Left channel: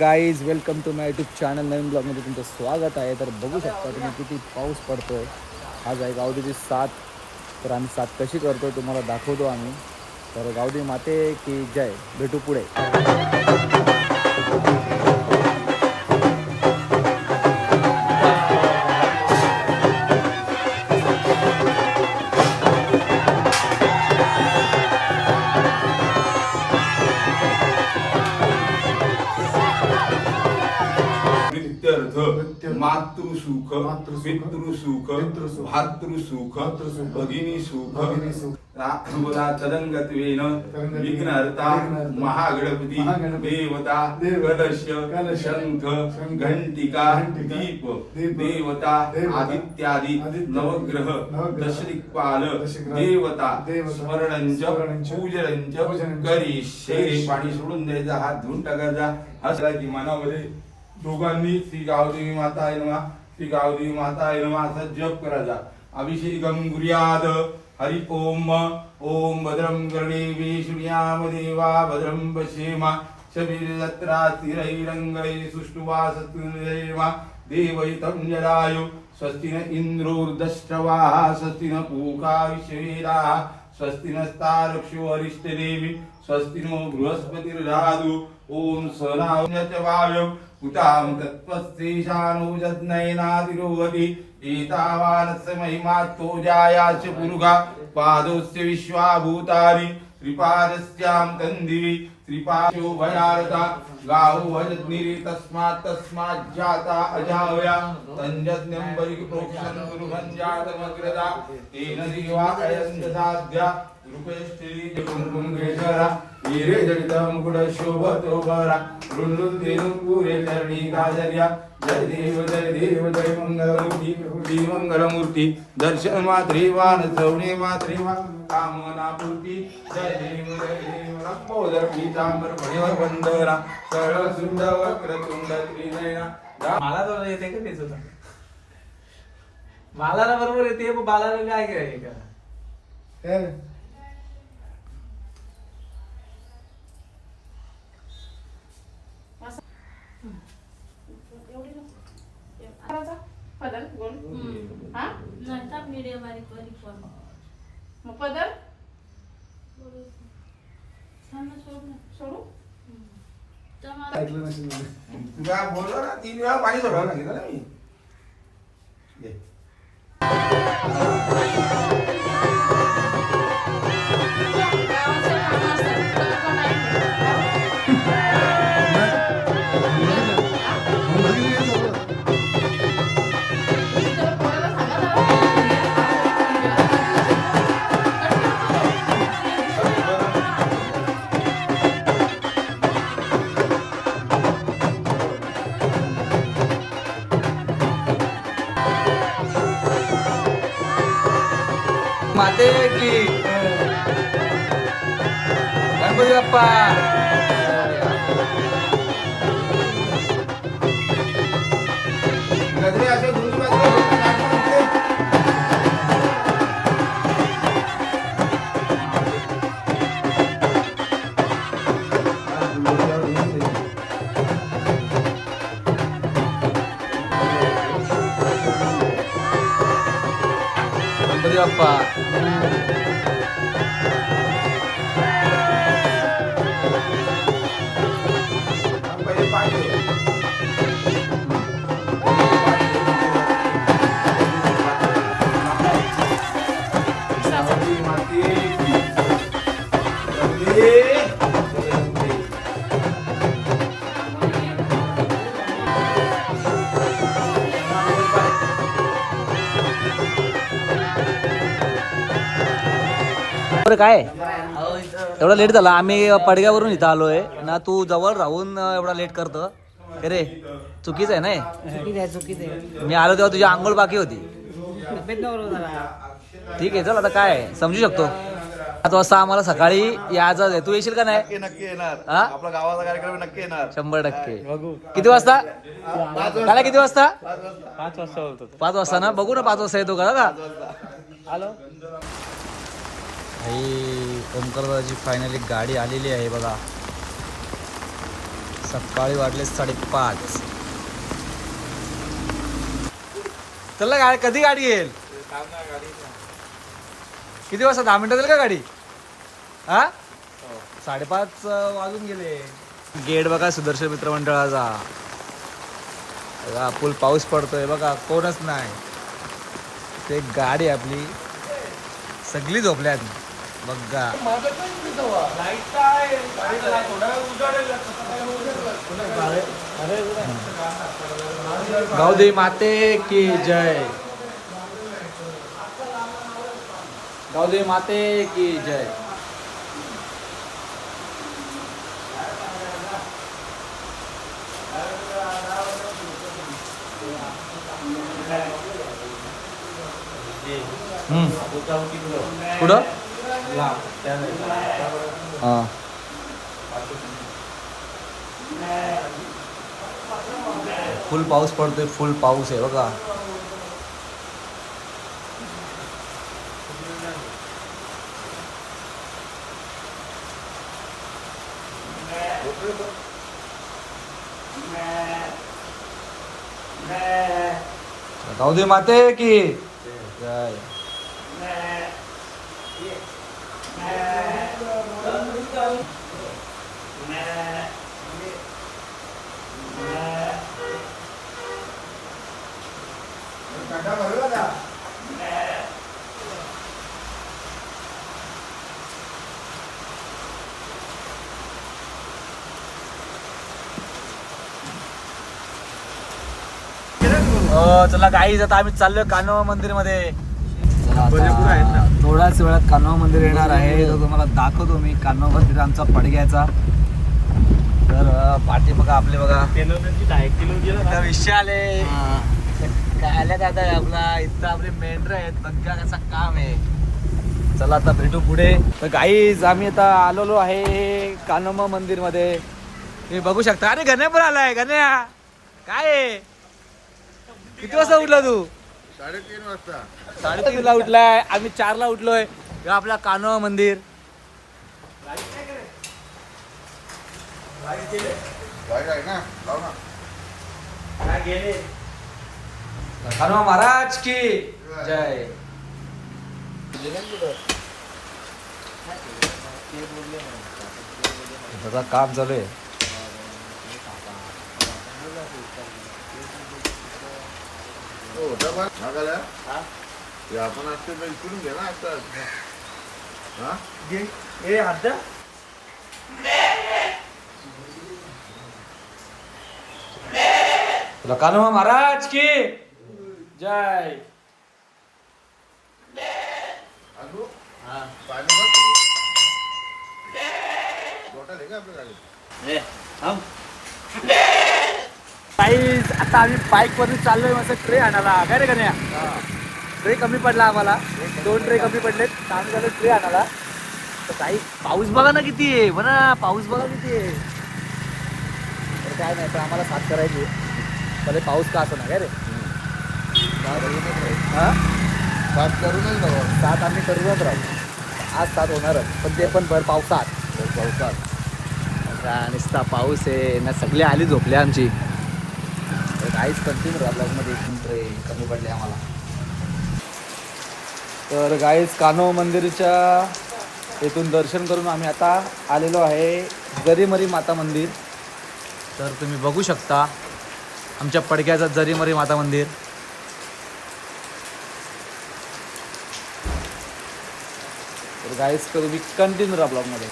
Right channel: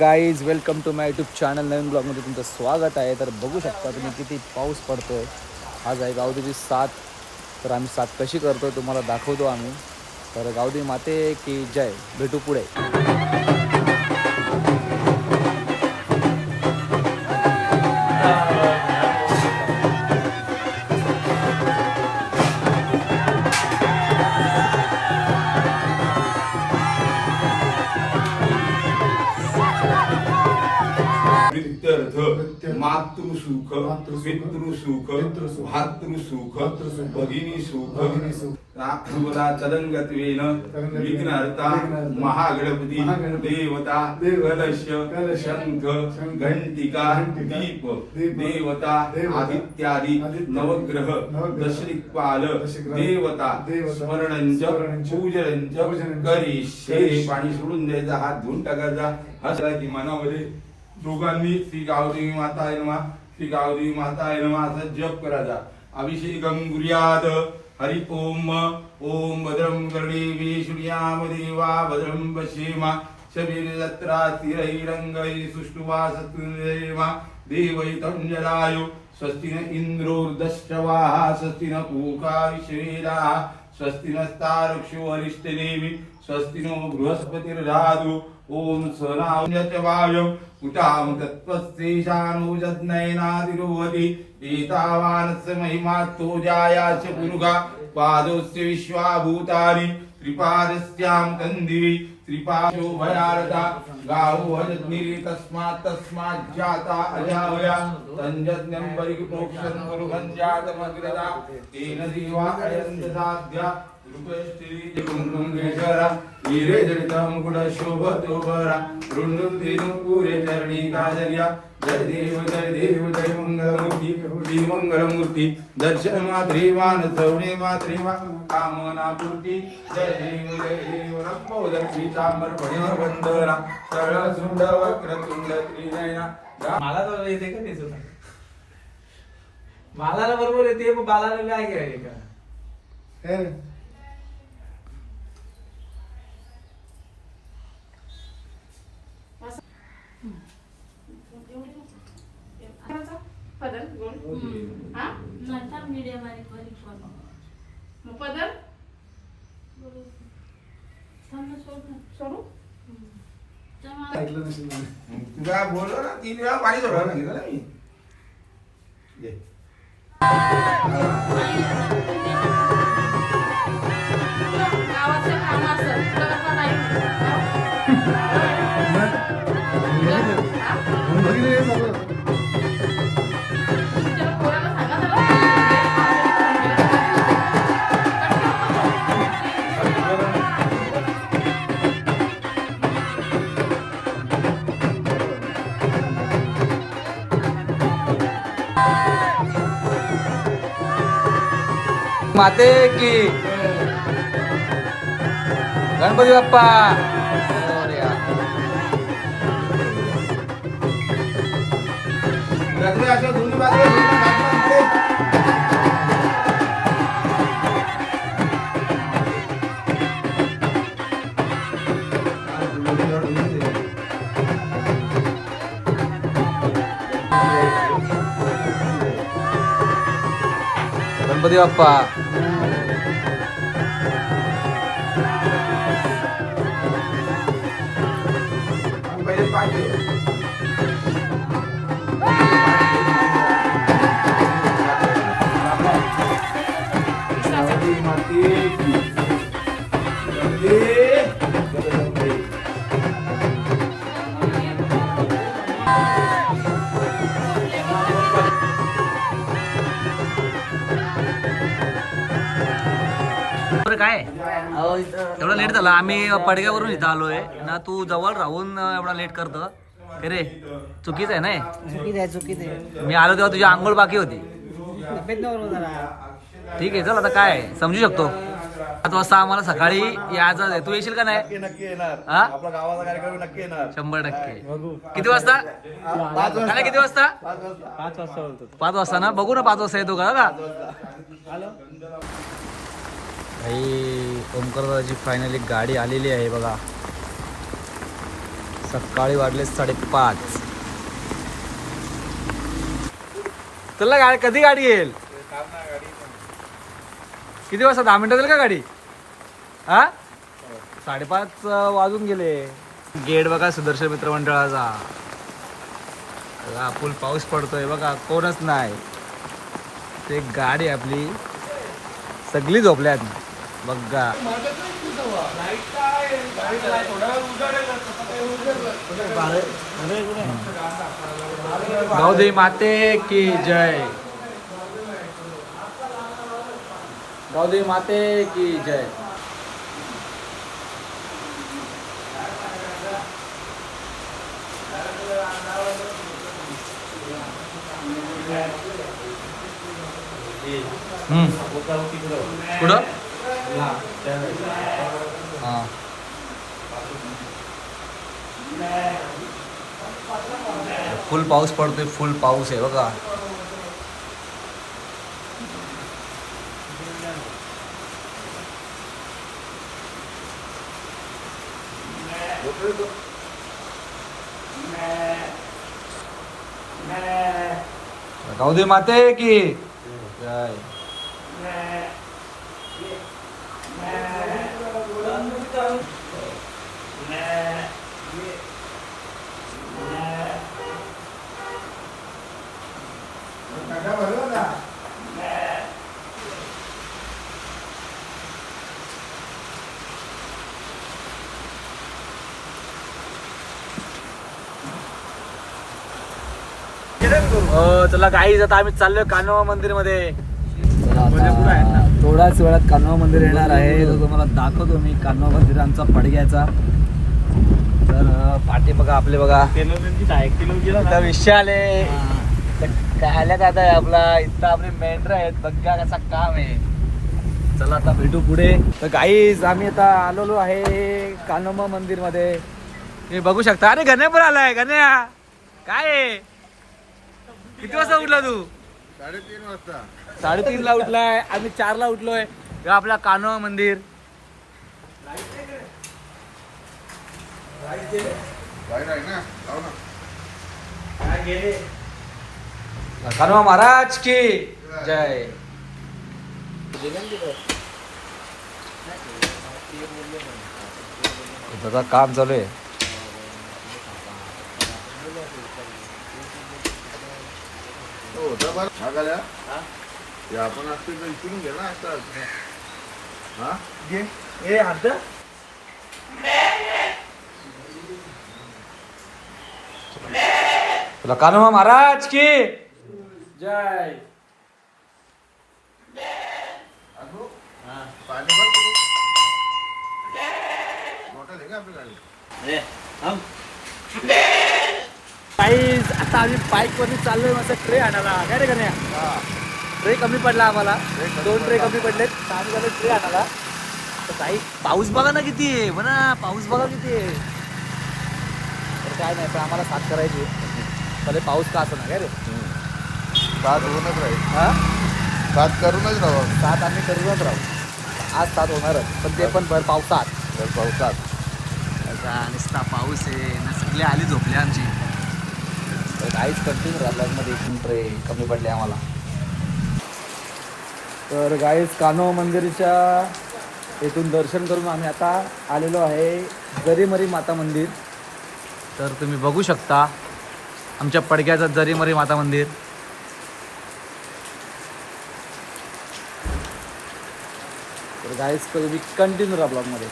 Guys, welcome to my YouTube channel. नवीन ब्लॉगमध्ये तुमचं स्वागत आहे. तर बघू शकता तुम्ही किती पाऊस पडतोय. आज आहे गावदेवीची 7. तर आम्ही 7 कशी करतो तुम्हाला दाखवतो आम्ही. तर गावदेवी माते की जय. भेटू पुढे. मातृसुख, पितृसुख, भातृसुख, भगिनी सुख, चलंगत्वेन विघ्नहर्ता महागणपती देवता कलश शंख घंटिका दीप देवता आदित्यादि नवग्रह दशदिक्पाल देवता स्मरणंच पूजनंच करिष्ये. पाणी सोडून द्यायचा, हात धुवून टाकायचा. असला की मनामध्ये दोघांनी श्री गावदेवी माता आहे नमः, श्री गावदेवी माता आहे नमः असा जप करायचा. अभिषेकं कुर्यात्. हरि ओम. ओम भद्रं कर्णेभिः शृणुयाम देवा भद्रं पश्येम शबीरजत्रा स्थिरैरङ्गैः सुष्ठुवासत्कुर्येम देवैतं जलायु. स्वस्ति न इन्द्रोर्दष्ट्रवाः स्वस्ति न पूषा विश्वेदाः स्वस्ति नस्तारक्षो अरिष्टनेमि स्वस्ति नो बृहस्पतिर्दधातु. ओम सहनावयम् उतां तत्त्वस्तेषानो यज्ञैनातिरोहति. एतावानस्य महिमात्तो जायाच पुरुषा पादोस्य विश्वाभूतानि त्रिपादस्यां तन्दिवि त्रिपाशो भयारता गावो हजग्निरि तस्मात् जाता अजावया तञ्जज्ञं परिप्रोक्षन् कुर्वन् जातमग्रदा येन देवा अयं ददाद्या मंगलमूर्ती दर्शन मात्रेवान सवणे मात्रेवा कामना पूर्ती. जय देव जय देव नमोदर पीतांबर भयवंदना सरळ सुंद वक्रतुंड त्रिनयना. मला तर येते का तेच मला बरोबर येते. बालाला काय करायचे का पदर गोल हा नंतर मीडिया बारीक बारीक पण मग पदर थांब सोड सोडू तुला बोललो ना 3 वेळा पाणी सोडलं सांगितलं ना मी. दे. गावाचे काम असतात तुला का माहिती माते की गणपती बाप्पा. गजरे असे दोन्ही बाजूला झोपतात, नाचतात इथे. गणपती बाप्पा. पहिले पाणी दे. काय एवढा लेट झाला. आम्ही पडग्यावरून इथं आलोय ना. तू जवळ राहून एवढा लेट करतो रे. चुकीच आहे ना. चुकीच आहे. मी आलो तेव्हा तुझी आंघोळ बाकी होती. तब्येत नव्हतं जरा. ठीक आहे, चल आता काय समजू शकतो. 7 वाजता आम्हाला सकाळी यायचं आहे. तू येशील का नाही? नक्की येणार. हा, आपला गावाचा कार्यक्रम नक्की येणार 100%. किती वाजता? काय किती वाजता? 5 वाजता होतो. 5 वाजता ना. बघू ना 5 वाजता येतो का. हॅलो भाई ओमकारदाची फायनली गाडी आलेली आहे बघा. सकाळी वाजले 5:30. चला गाडी कधी गाडी येईल? किती वाजता? 10 मिनिटं जाईल का गाडी? हा 5:30 वाजून गेले. गेट बघा सुदर्शन मित्र मंडळाचा. फुल पाऊस पडतोय बघा, कोणच नाही. ते गाडी आपली सगळी झोपल्यात बघा. गावदेवी माते की जय. गावदेवी माते की जय. कुठं? हां. फुल पाऊस पडतोय, फुल पाऊस आहे बघा. गावदेवी माते की जय. चला गाईज, आता आम्ही चाललोय कान्होबा मंदिर मध्ये. थोड्याच वेळात कान्होबा मंदिर येणार आहे, तो तुम्हाला दाखवतो मी. कान्होबा मंदिर आमचा पडग्याचा. तर पाठी बघा आपले बघा विषय आले काय आल्या काय आता आपला इथं आपले मेंढर आहेत बघा कसा काम आहे. चला आता भेटू पुढे. तर गाईज आम्ही आता आलेलो आहे कान्होबा मंदिर मध्ये. हे बघू शकता. अरे गण्या पण आलाय. गण्या काय आहे? किती वाजता उठला तू? 3:30 वाजता. 3:30 ला उठलाय. आम्ही 4 ला उठलोय. हे आपला कान्होबा मंदिर. आहे ना, लाव ना. कान्होबा महाराज की जय. बघा काम चालू आहे. हो, डबा. हा का लया? हे आपण असते तर इकडून घे ना आता. हा? तुला कान्होबा महाराज की जय. अगो, पाणी भर तू. बॉटल आहे का आपली गाडी? गाईज आता आम्ही बाईक वरती चाललोय मस्त ट्रे आणायला. काय रे गण्या? ट्रे कमी पडला आम्हाला. 2 ट्रे कमी पडलेत. 6 झाले ट्रे आणायला. तर काही पाऊस बघा ना किती आहे. म्हणा पाऊस बघा किती आहे. तर काय नाही, तर आम्हाला साथ करायची. भले पाऊस का असं ना काय रे. साथ करूनच राहील. हा साथ करूनच राहू. साथ आम्ही करूनच राहू. आज साथ होणारच, पण ते पण भर पावसात. पावसात नुसता पाऊस आहे ना. सगळे आली झोपले आमची. तर काहीच कंटिन्यू राहिला मध्ये 1 ट्रे कमी पडले आम्हाला. तर गाईज कान्होबा मंदिरच्या इथून दर्शन करून आम्ही आता आलेलो आहे जरीमरी माता मंदिर. तर तुम्ही बघू शकता आमच्या पडक्याचा जरीमरी माता मंदिर. तर गाईज तुम्ही कंटिन्यू राहा ब्लॉगमध्ये.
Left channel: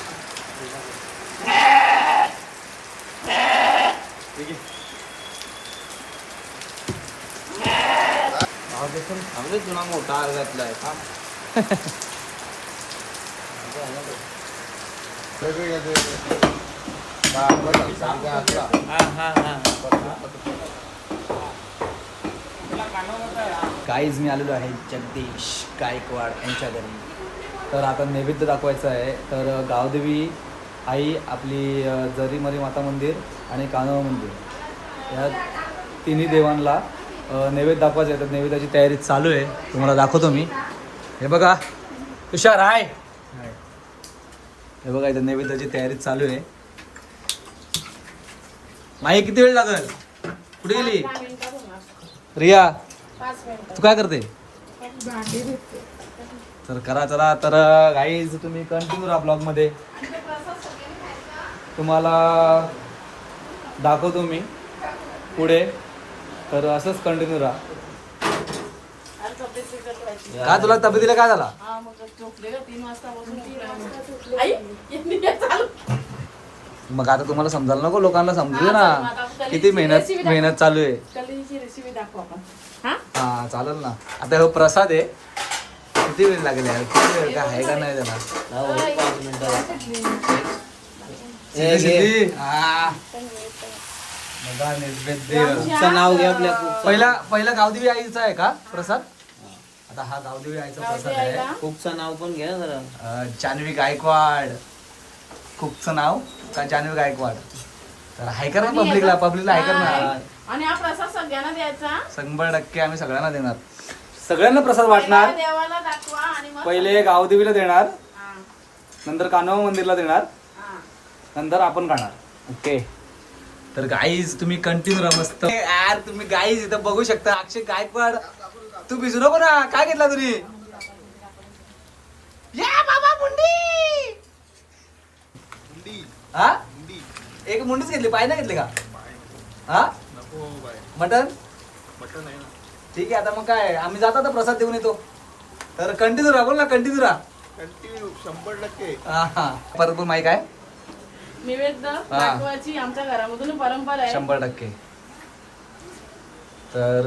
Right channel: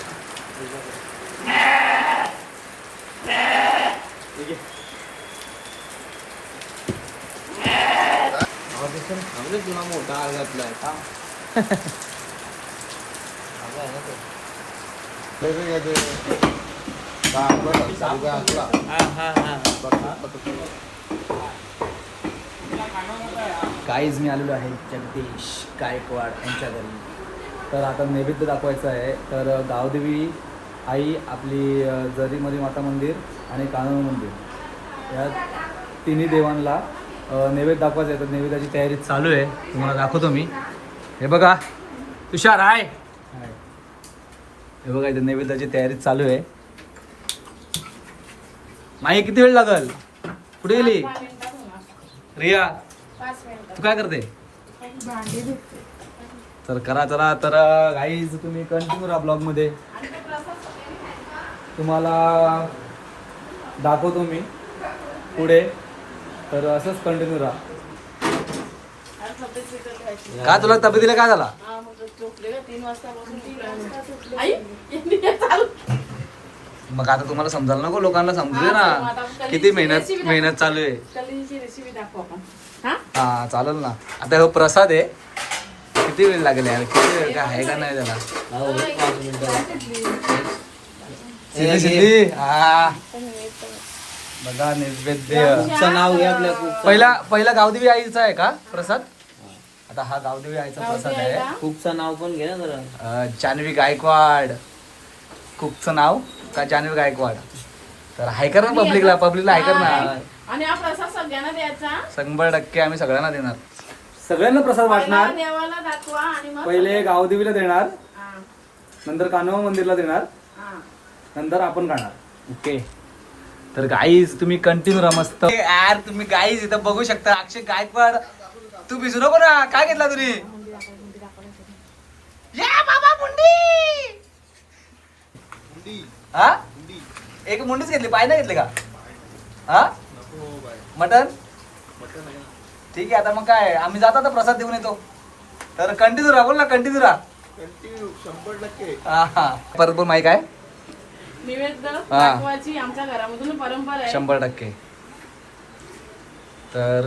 चांगले जुना मोठा आग घातलाय. गाईज मी आलेलो आहे जगदीश गायकवाड यांच्या घरी. तर आता नैवेद्य दाखवायचं आहे. तर गावदेवी आई आपली जरीमरी माता मंदिर आणि कान्होबा मंदिर या तिन्ही देवांना नैवेद्य दाखवायचं आहे. तर नैवेद्याची तयारी चालू आहे, तुम्हाला दाखवतो मी. हे बघा तुषार आहे. हे बघा इथं नैवेद्याची तयारी चालू आहे. माई किती वेळ लागल? कुठे गेली 5 मिनिटात होणार. रिया? 5 मिनिटं. तू काय करते? भांडी धुते. तर करा चला. तर गाईज तुम्ही कंटिन्यू राहा ब्लॉग मध्ये, तुम्हाला दाखवतो मी पुढे. तर असंच कंटिन्यू राहा. अरे तब्येत बिघडली व्हायची. काय तुला तब्येतीला काय झाला? हा, मग झोपले का 3 वाजता बसून 3 वाजता झोपले. आई, यांनी हे चालू. मग आता तुम्हाला समजायला नको, लोकांना समजू दे ना किती मेहनत चालू आहे. कलेची रेसिपी दाखव आपण. हा? हा चालेल ना. आता हो प्रसाद आहे, किती वेळ लागेल यार? किती वेळ काय आहे का नाही त्याला? शिल्ली शिल्ली. हा बघा नैवेद्य. नाव घे आपल्या कुकचं. पहिला गावदेवी आईचा आहे का प्रसाद? आता हा गावदेवी आईचा प्रसाद आहे. कुकचं नाव पण घे ना जरा. जान्हवी गायकवाड. कुकचं नाव का जान्हवी गायकवाड? तर हाय कर ना पब्लिकला हाय कर ना. आणि हा प्रसाद सगळ्यांना द्यायचा. 100% आम्ही सगळ्यांना देणार. सगळ्यांना प्रसाद वाटणार. पहिला देवाला दाखवा आणि मग पहिले गावदेवीला देणार, हा, नंतर कान्होबा मंदिरला देणार, हा. नंतर आपण खाणार. ओके. तर गाईज तुम्ही कंटिन्यू राहा मस्त. यार तुम्ही गाईज इथं बघू शकता. अक्षय गायकवाड तू भिजू नको ना. काय घेतला तुम्ही? या बाबा मुंडी. हा एक मुंडीच घेतली, पाय नाही घेतले का? हा मटन ठीक आहे. आता मग काय आम्ही जातो आता प्रसाद देऊन येतो. तर कंटिन्यू राहा. बोल ना कंटिन्यू राहा. 100%. हा हा बरोबर माहिती आहे. नैवेद्य हा. दाखवायची आमच्या घरामधून परंपरा आहे. 100%. तर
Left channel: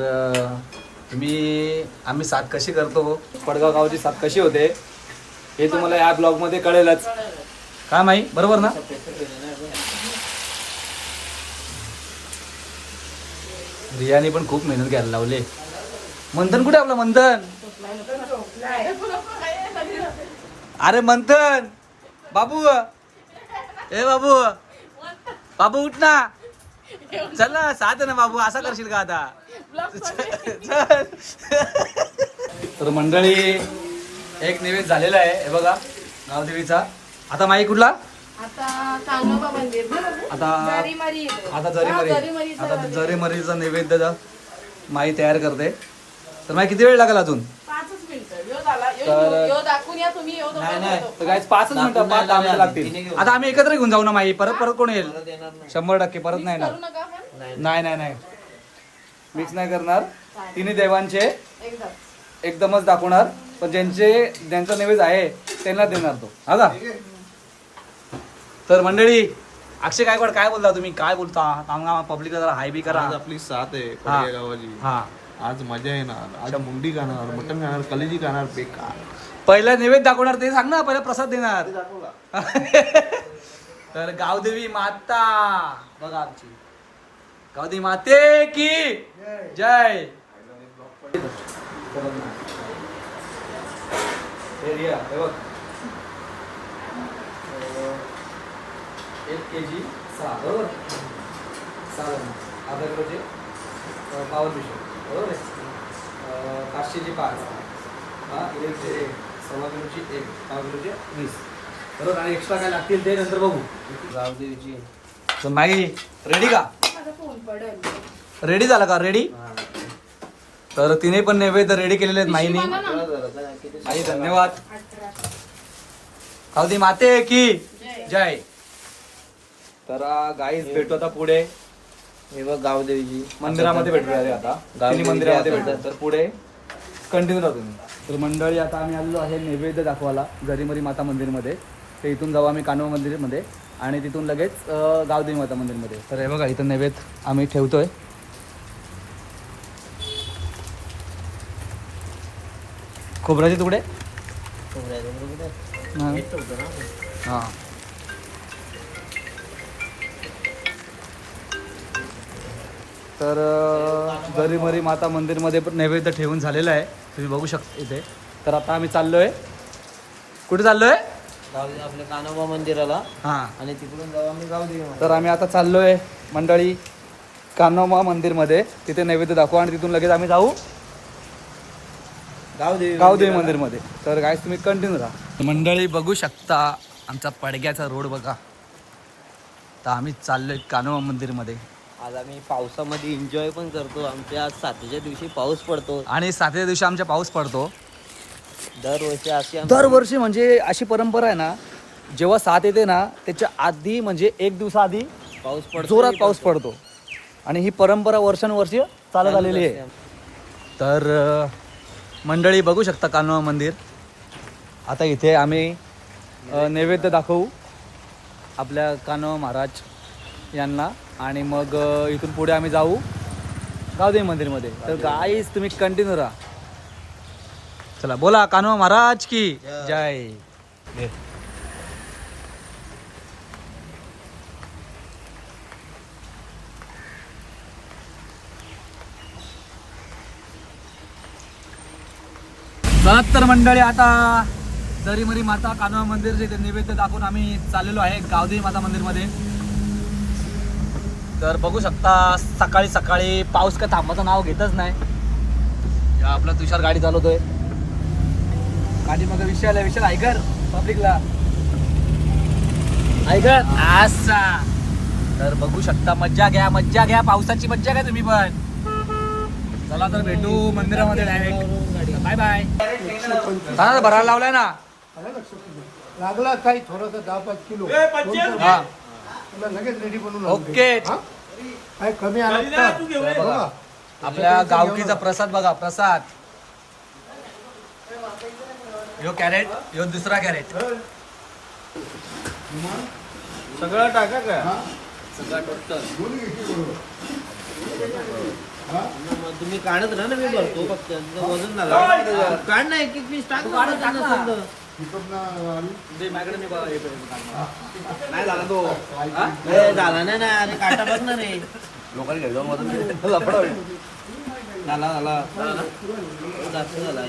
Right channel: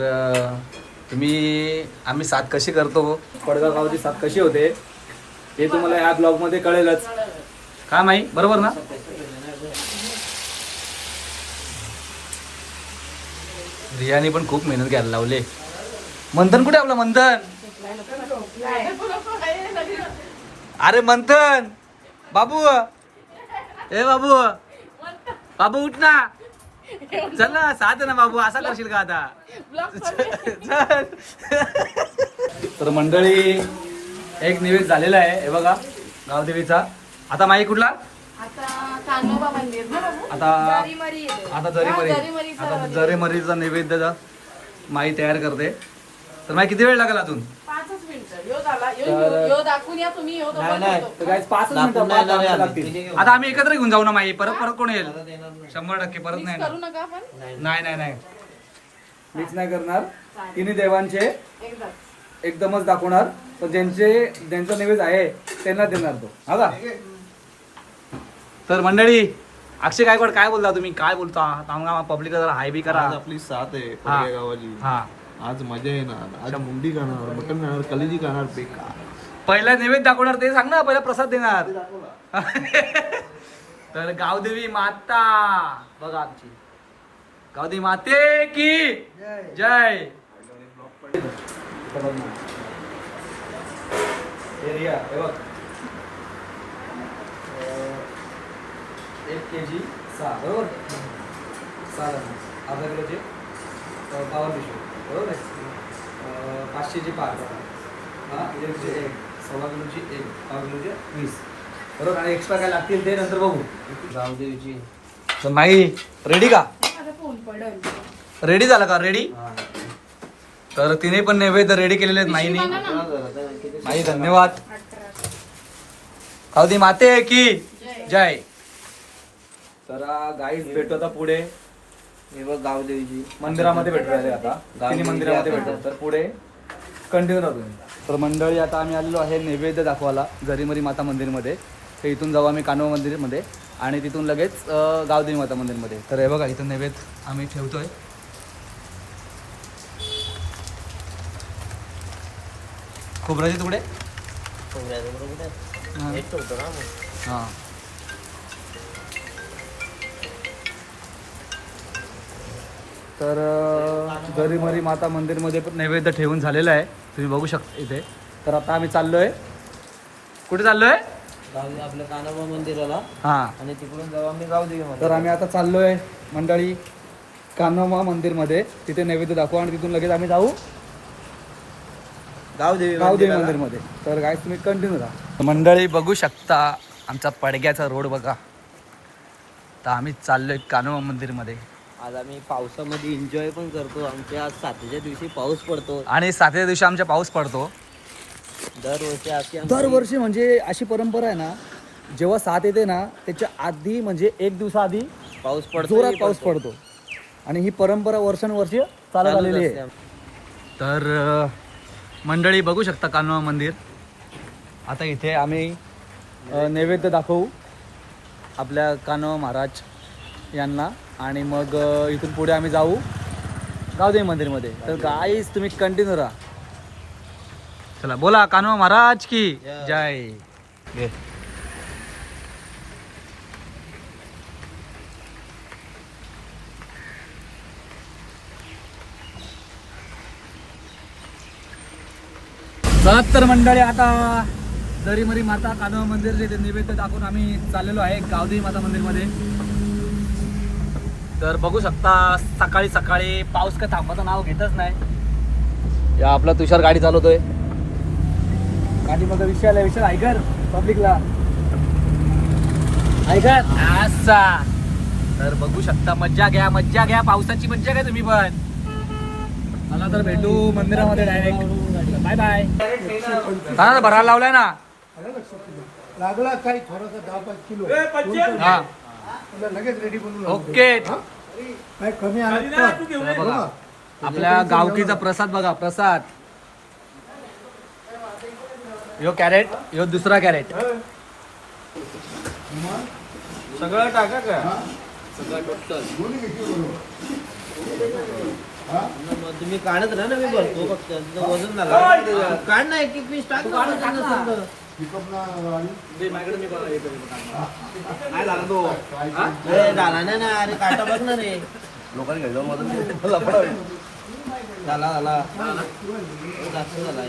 आम्ही साथ कशी करतो, पडगाव गावची साथ कशी होते हे तुम्हाला ह्या ब्लॉग मध्ये कळेलच. काय माही बरोबर ना? रियाने पण खूप मेहनत घ्यायला लावले. मंथन कुठे आपलं मंथन? अरे मंथन बाबू, ए बाबू, बाबू उठ ना. चल ना साथ आहे ना बाबू. असा करशील का आता? चल. तर मंडळी एक नैवेद्य झालेला आहे हे बघा गावदेवीचा. आता माई कुठला? आता कान्होबा मंदिर ना बाबू? आता जरीमरी येतो. आता जरीमरी. हा, जरीमरीचा आता जरीमरीचा नैवेद्य माई तयार करते. तर माई किती वेळ लागेल अजून? 5 मिनिटं. यो झाला. तर- यो दाखवून या तुम्ही. यो दाखवतो. तर गाईज 5 मिनिटं 5-10 मिनिटं लागतील. आता आम्ही एकत्र घेऊन जाऊ ना माई. परत कोण येईल? 100% परत नाही करू ना. नका आपण. नाही मिक्स नाही करणार. तिन्ही देवांचे एकदाच. एकदमच दाखवणार. पण ज्यांचा नैवेद्य आहे त्यांना देणार तो. हा का? तर मंडळी अक्षय गायकवाड काय बोलता तुम्ही? काय बोलता? पब्लिक जरा हाय बी करा. आज आपली साथ आहे हा. पडगे गावाची. हा आज मजा येणार. आज मुंडी खाणार, मटण खाणार, कलेजी खाणार. बेकार. पहिला नैवेद्य दाखवणार ते सांग ना. पहिला प्रसाद देणार. तर गावदेवी माता बघा आमची. गावदेवी माते की जय. हे रिया, हे बघ. 1 kg 6 बरोबर. 6 जण. अर्धा किलोचे 52 पिशव्या बरोबर आहे. 500ची 5. हा किलोचे 1, 1.25 किलोची 1, 1.5 किलोचे 20 बरोबर. आणि एक्स्ट्रा काय लागतील ते नंतर बघू. गावदेवीची. तर नाही रेडी का? माझा फोन पडेल. रेडी झाला का? रेडी. तर तिने पण नैवेद्य रेडी केलेले आहेत माईनी. माई धन्यवाद. गावदेवी माते की जय. तर गाईज भेटू आता पुढे हे बघ गावदेवीची. मंदिरामध्ये भेटू राहिले. आता तिन्ही मंदिरामध्ये भेटू. तर पुढे कंटिन्यू राहतो. तर मंडळी आता आम्ही आलेलो आहे नैवेद्य दाखवायला जरीमरी माता मंदिरमध्ये. तर इथून जाऊ आम्ही कान्होबा मंदिरमध्ये आणि तिथून लगेच गावदेवी माता मंदिरमध्ये. तर हे बघा इथं नैवेद्य आम्ही ठेवतोय. खोबऱ्याचे तुकडे. हां तर जरीमरी माता मंदिरमध्ये पण नैवेद्य ठेवून झालेलं आहे. तुम्ही बघू शकता इथे. तर आता आम्ही चाललोय. कुठे चाललोय? आपल्या कान्होबा मंदिराला. हां आणि तिकडून जाऊ आम्ही गावदेवी. तर आम्ही आता चाललोय मंडळी कान्होबा मंदिरमध्ये. तिथे नैवेद्य दाखवू आणि तिथून लगेच आम्ही जाऊ गावदेवी मंदिरमध्ये. तर काय तुम्ही कंटिन्यू राहा. मंडळी बघू शकता आमचा पडग्याचा रोड बघा. तर आम्ही चाललोय कान्होबा मंदिरमध्ये. आज आम्ही पावसामध्ये एन्जॉय पण करतो. आमच्या आज 7च्या दिवशी पाऊस पडतो. आणि 7व्या दिवशी आमच्या पाऊस पडतो. दरवर्षी अशी दरवर्षी म्हणजे अशी परंपरा आहे ना, जेव्हा 7 येते ना त्याच्या आधी म्हणजे 1 दिवसाआधी पाऊस पडतो, जोरात पाऊस पडतो. आणि ही परंपरा वर्षानुवर्ष चालत आलेली आहे. तर मंडळी बघू शकता कान्हा मंदिर. आता इथे आम्ही नैवेद्य दाखवू आपल्या कान्हा महाराज यांना आणि मग इथून पुढे आम्ही जाऊ गावदेवी मंदिरमध्ये. तर गाईस तुम्ही कंटिन्यू राहा. चला बोला कान्हा महाराज की जय. घे. तर मंडळी आता दरीमरी माता कान्हा मंदिरचे ते नैवेद्य दाखवून आम्ही चाललेलो आहे गावदेवी माता मंदिरमध्ये. तर बघू शकता सकाळी सकाळी पाऊस का थांबाचं नाव घेतच नाही. आपला तुषार गाडी चालवतोय. गाडी मग विषय ऐकर पब्लिकला ऐकर असा. तर बघू शकता मज्जा घ्या पावसाची मज्जा घ्या तुम्ही पण. चला तर भेटू मंदिरामध्ये डायरेक्ट. Bye bye. भरायला लावलाय ना लागला काही थोडंसं 10-5 किलो हा तुला लगेच रेडी बनवून ओके. काही कमी आलं बघा आपल्या गावकीचा प्रसाद बघा. प्रसाद यो कॅरेट यो दुसरा कॅरेट सगळं टाका का सगळं टोटल तुम्ही काढत राहा ना. मी भरतो फक्त वजन झाला. काढ ना एक पीस टाक. झाला नाही ना. अरे काटा बघ ना रे. लोकांनी घ्यायचं मदत झाला जास्त झाला.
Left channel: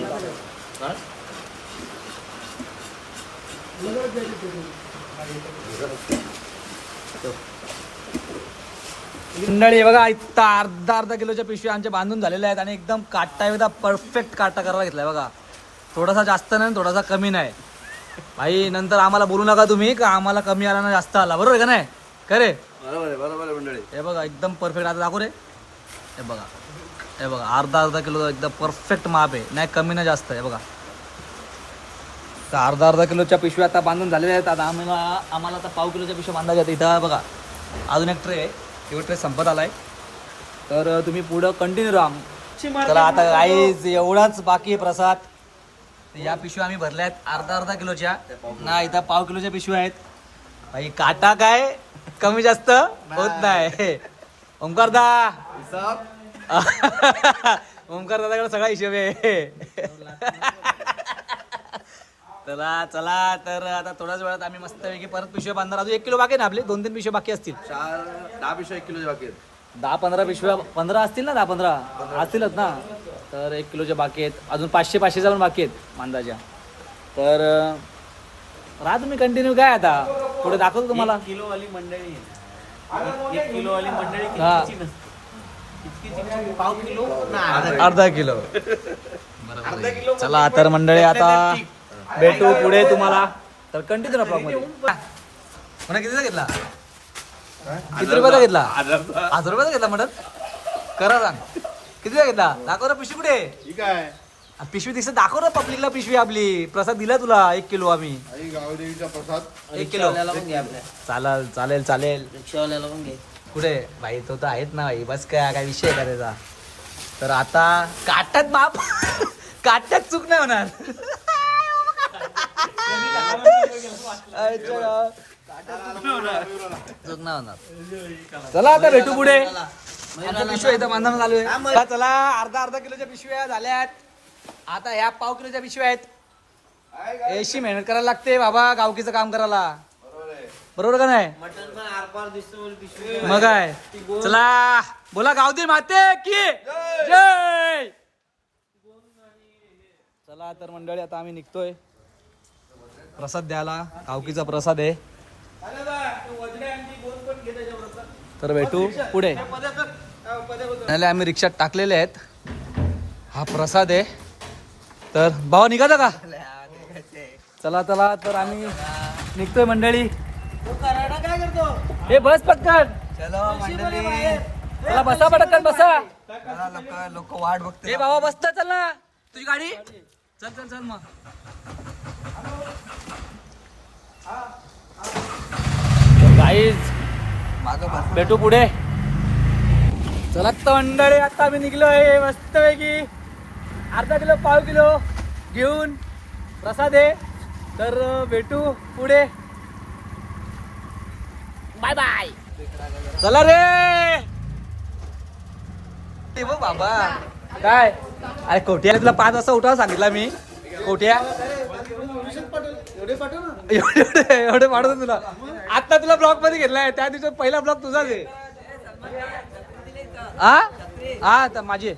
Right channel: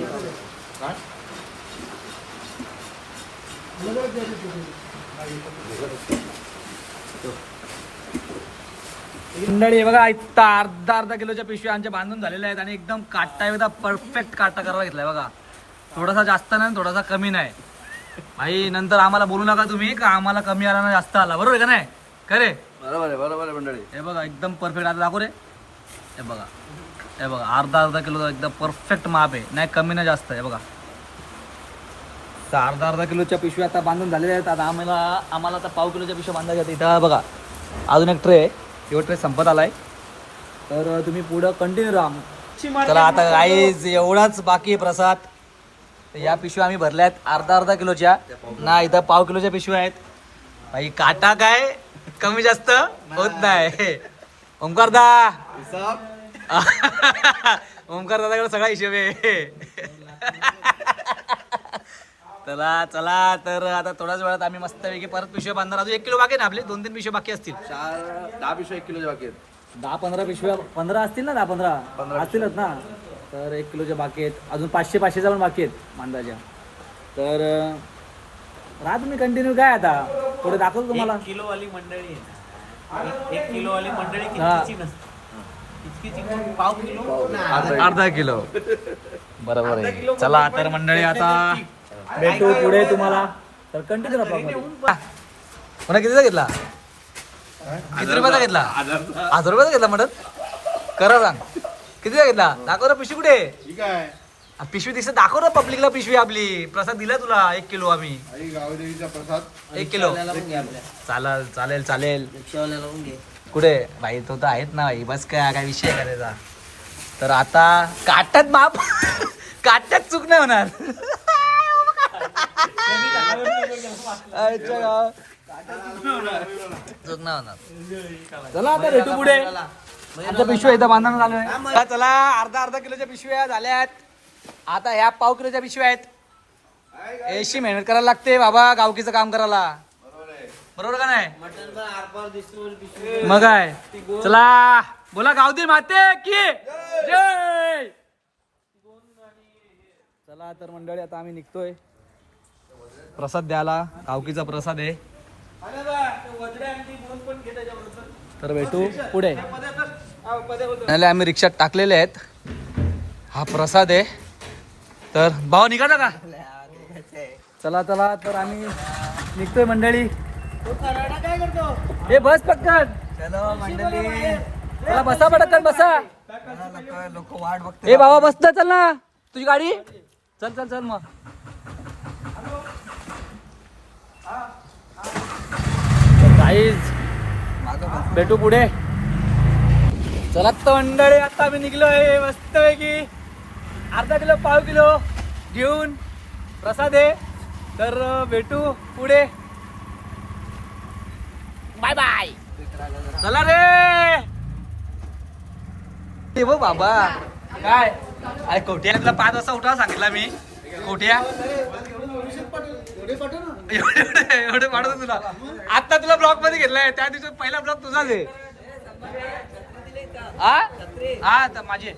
मंडळी बघा इथं अर्धा किलोच्या पिशव्या आमच्या बांधून झालेल्या आहेत आणि एकदम काटा एकदा परफेक्ट काटा करायला घेतलाय बघा. थोडासा जास्त नाही थोडासा कमी नाही. भाई नंतर आम्हाला बोलू नका तुम्ही का आम्हाला कमी आला ना जास्त आला. बरोबर का नाही खरे. बरोबर आहे मंडळी. हे बघा एकदम परफेक्ट. आता दाखव रे. हे बघा अर्धा किलो एकदम परफेक्ट माप आहे. नाही कमी नाही जास्त. हे बघा तर अर्धा किलोच्या पिशव्या आता बांधून झालेल्या आहेत. आता आम्हाला आता पाव किलोच्या पिशव्या बांधाव्या आहेत. इथं बघा अजून एक ट्रे आहे. तो ट्रे संपत आलाय. तर तुम्ही पुढं कंटिन्यू राहा. चला आता गाईज एवढाच बाकी आहे प्रसाद. या पिशव्या आम्ही भरल्या आहेत अर्धा किलोच्या ना. इथं पाव किलोच्या पिशव्या आहेत. भाई काटा काय कमी जास्त होत नाही. ओमकार दा ओमकार दादाकडे सगळा हिशोब आहे. चला तर आता थोड्याच वेळात आम्ही मस्त परत पिशव्या बांधणार. अजून 1 किलो बाकी ना आपले 2-3 पिशव्या बाकी असतील. 10 पिशव्या 1 किलोच्या बाकी आहेत. 10-15 पिशव्या 15 असतील ना. 10-15 असतीलच ना. तर 1 किलोच्या बाकी आहेत. अजून 500-500च्या पण बाकी आहेत बांधाच्या. तर राहा तुम्ही कंटिन्यू. काय आता पुढे दाखवतो तुम्हाला. हा अर्धा किलो बरोबर आहे. चला तर मंडळी आता भेटू पुढे तुम्हाला. तर कंटिन्यू राहा ब्लॉग मध्ये. पुन्हा कितीचा घेतला. किती रुपयाचा घेतला. 1000 रुपयाचा घेतला मटन. करा रांग कितीचा घेतला. दाखव ना पिशवी कुठे. ठीक आहे. पिशवी दिसत दाखव ना पब्लिकला. पिशवी आपली प्रसाद दिला तुला 1 किलो आम्ही. गावदेवीचा प्रसाद 1 किलो चालेल. रिक्षावाल्याला पण घे. कुठे भाई तो तर आहेत ना भाई. बस काय विषय आहे का त्याचा. तर आता काट्यात माप काट्यात चूक नाही होणार. चूक नाही होणार. चला आता भेटू पुढे. आता पिशव्या इथं बांधणं चालू आहे. चला अर्धा किलोच्या पिशव्या झाल्यात. आता ह्या पाव किलोच्या पिशव्या आहेत. अशी मेहनत करायला लागते बाबा गावकीचं काम करायला. बरोबर का नाही. मटन पण आरपार दिसतो पिशवी. मग काय. चला बोला गावदेवी माते की जय. चला तर मंडळी आता आम्ही निघतोय प्रसाद द्यायला. गावकीचा प्रसाद आहे. तर भेटू पुढे. आम्ही रिक्षात टाकलेले आहेत. हा प्रसाद आहे. तर भाव निघाला का. चला तर आम्ही निघतोय मंडळी. हे बस पटकन. चलो मंडळी चला बसा पटकन बसा. लोक वाट बघते. ए बाबा बस ना, चल ना तुझी गाडी. चल चल चल मग. गाईज भेटू पुढे. चला तर मंडळी, आता आम्ही निघलोय मस्तपैकी अर्धा किलो पाव किलो घेऊन प्रसाद आहे. तर भेटू पुढे. Bye bye. चला रे. ते बघ बाबा काय अरे कोट्या तुला 5 वाजता उठावं सांगितलं मी. कोट्या एवढे पाठवतो तुला. आता तुला ब्लॉक मध्ये घेतलाय. त्या दिवशी पहिला ब्लॉक तुझाच आहे. हा तर माझी.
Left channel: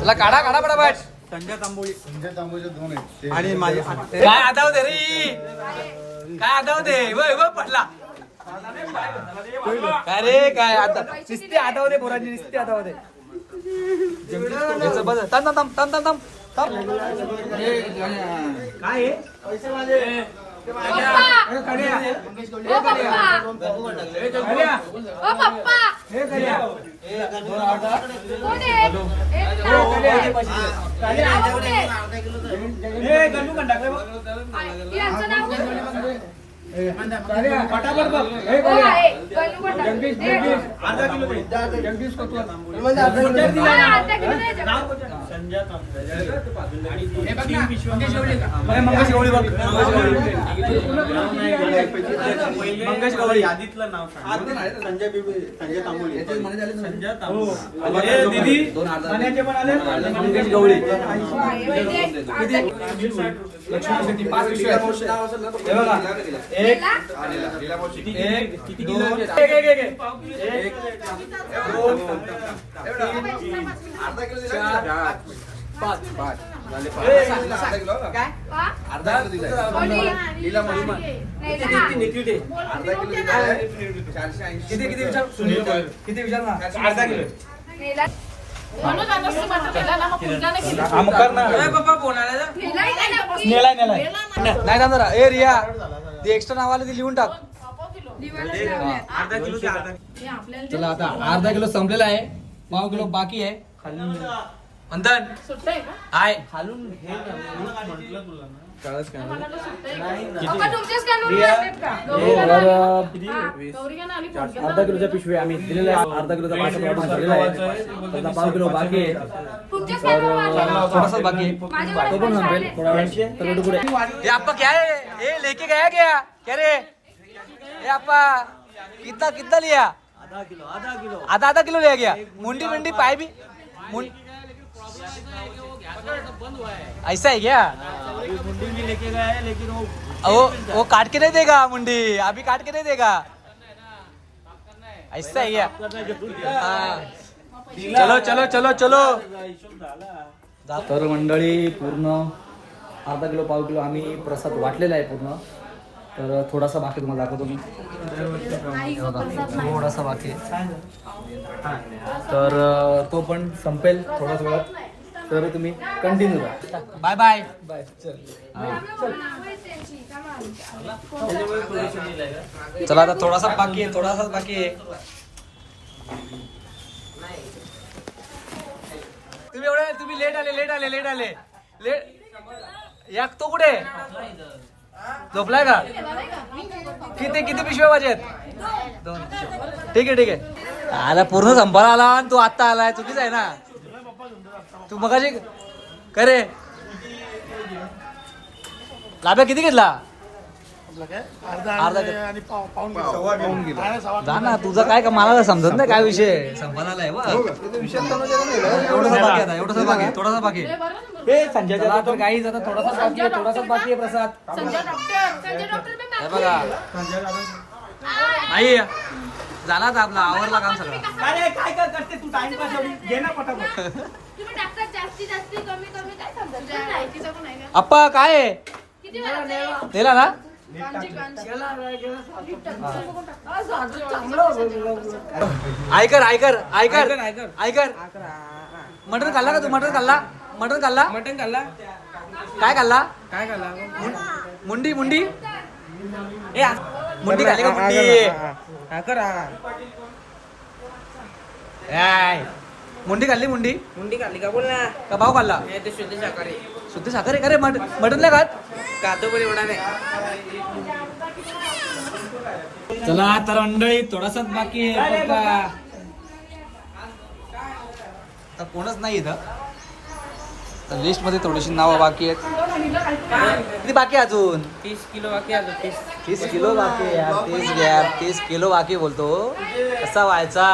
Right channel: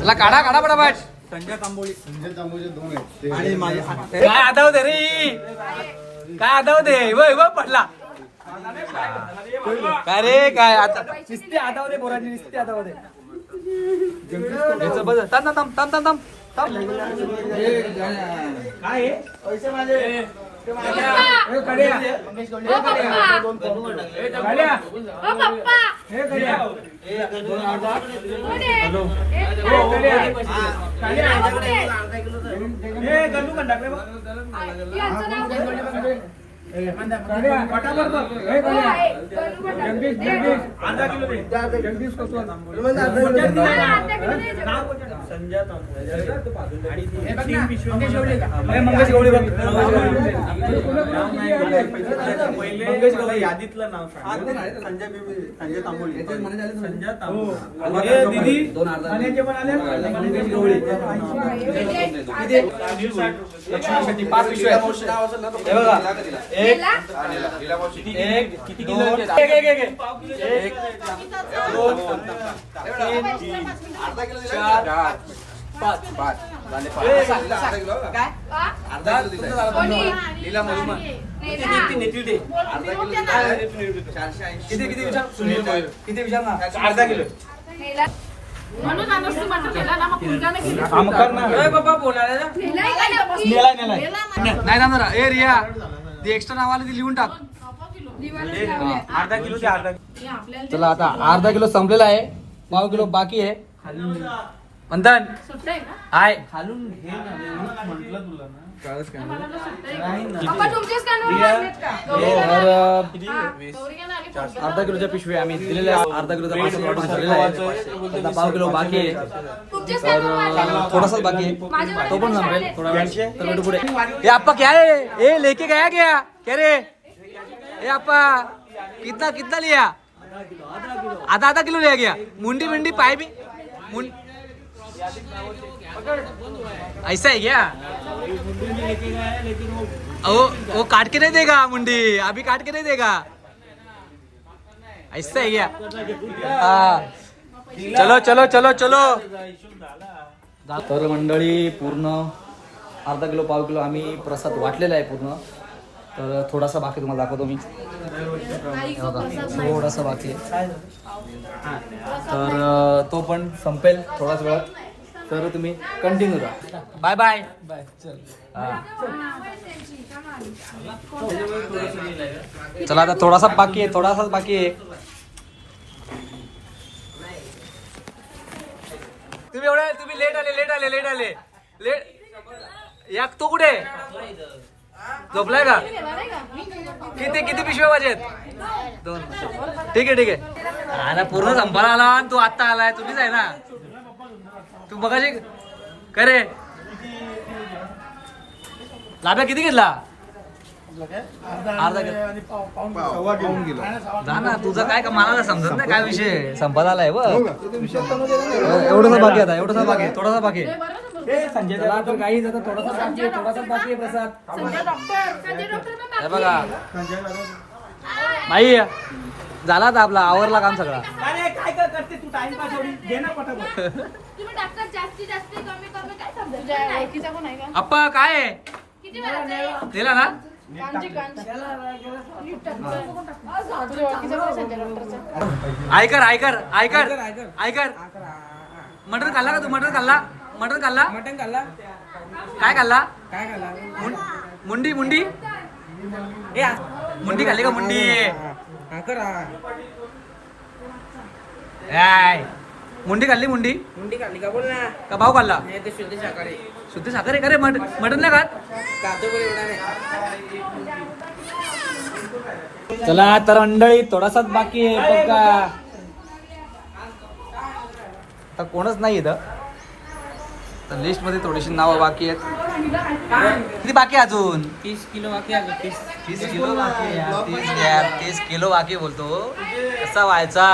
चला काढा काढा पटापट. संजय तांबोळी 2 आहेत. आणि माझे काय आता होते रे. काय आता होते वय पडला. काय रे काय आता निस्ती आता होते पोरांची. निस्ती आता होते. थांब थांब थांब थांब थांब थांब. काय यादीतलं नाव संजय तांबोळी. संजय किती किलो. 1 2 3 4 5 किती विचार ना. अर्धा किलो. म्हणून आणून मटर केला ना, मग फुलका नाही केला. नाही थांबणार. ए रिया ते एक्स्ट्रा नावाला ते लिहून टाक. चला आता अर्धा किलो संपलेला आहे. पाव किलो बाकी आहे. मंथन सुट्टा आहे का? हाय. खालून हे म्हटलं तुला ना. पप्पा तुमचेच कानून लागलेत का? तर गौरीला आणि फुलका. अर्धा किलोच्या पिशवी आम्ही दिलेल्या आहे. अर्धा किलोचा पार्सल वाटून झालेला आहे. आता पाव किलो बाकी आहे. तुमचेच तर कानून लागलेत. थोडासा बाकी आहे. तो पण संपेल थोडा वेळ. तर भेटू पुढे. ये आपा क्या है. ये लेके गया क्या रे. ये आपा कितना कितना लिया. आधा किलो ले गया. मुंडी मुंडी पाए भी ऐसा है क्या. मुंडी में लेके गया है, लेकिन वो काट के नहीं देगा. मुंडी अभी काट के नहीं देगा. ऐसा है क्या. हाँ चलो चलो चलो चलो. तर मंडळी पूर्ण अर्धा किलो पाव किलो आम्ही प्रसाद वाटलेला आहे पूर्ण. तर थोडासा बाकी तुम्हाला दाखवतो मी. थोडासा बाकी आहे. तर तो पण संपेल थोडाच वेळात. तर तुम्ही कंटिन्यू राहा. Bye bye bye. चल चला आता थोडासा बाकी आहे. थोडासा बाकी आहे. तुम्ही लेट आले. या तो कुठे झोपलाय का. किती पिशव्या पाहिजेत. 2. ठीक आहे. आला पूर्ण संपायला आला आणि तू आत्ता आलाय. चुकीच आहे ना. तू मगाशी करे लाभ्या किती घेतला. अर्धा किलो. जा ना तुझं काय का मला समजत नाही काय विषय. संपायला आलाय बघ. एवढंच बाकी आता. एवढंच बाकी. थोडासा बाकी. चला तर काही आता थोडासा बाकी आहे प्रसाद. संजय डॉक्टर में हे बघा नाही झाला आता आपला आवरला काम सगळा. अरे काय करते तू टाइमपास. घे ना पटापट. तुम्ही डॉक्टर जास्ती कमी काय समजत नाही. तिचा पण आहे ना. अप्पा काय आहे. किती वेळा नेला ना. ऐकर मटन खाल्ला का तू. मटन खाल्ला. काय खाल्ला. मुंडी ए मुंडी खाल्ली का मुंडी करा काय मुंडी खाल्ली मुंडी मुंडी खाल्ली का बोल ना का भाऊ खाल्ला हे ते शुद्ध शाकाहारी शुद्ध साखर आहे का रे मटन नाही खात कातो पण एवढा नाही चला तर मंडळी थोडासाच बाकी आहे बघा. आता कोणच नाही इथं लिस्ट मध्ये थोडीशी नावं बाकी आहेत किती बाकी आहे अजून 30 किलो बाकी आहे 30 किलो बाकी आहे 30 किलो बाकी बोलतो कसा व्हायचा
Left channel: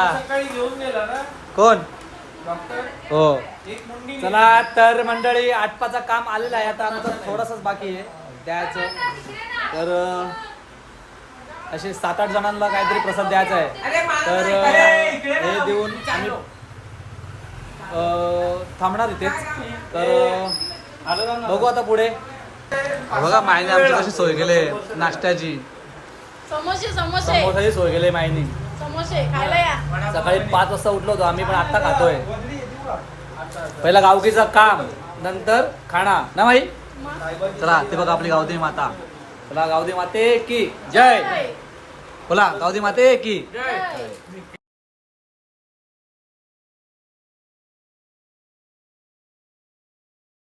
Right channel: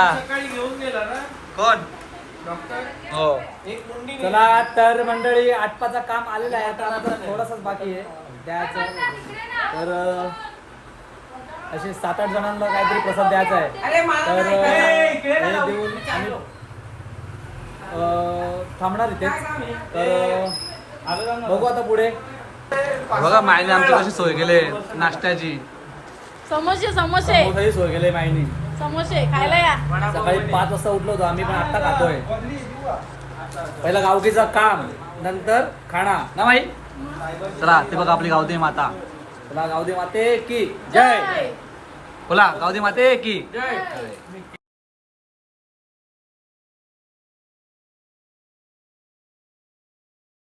कोण हो चला तर मंडळी आटपाचं काम आलेलं आहे आता आमचं थोडंसंच बाकी आहे द्यायचं तर असे 7-8 जणांना काहीतरी प्रसाद द्यायचा आहे तर हे देऊन आम्ही थांबणार इथेच तर बघू आता पुढे बघा मायने आमची कशी सोय केली नाश्त्याची समोसे समोसे समोसाची सोय केली मायनी समोसे खायला या सकाळी 5 वाजता उठलो होतो आम्ही पण आत्ता खातोय पहिला गावकीचं काम नंतर खाणा ना माही चला ते बघा आपली गावदेवी माता चला गावदेवी माते की जय बोला गावदेवी माते की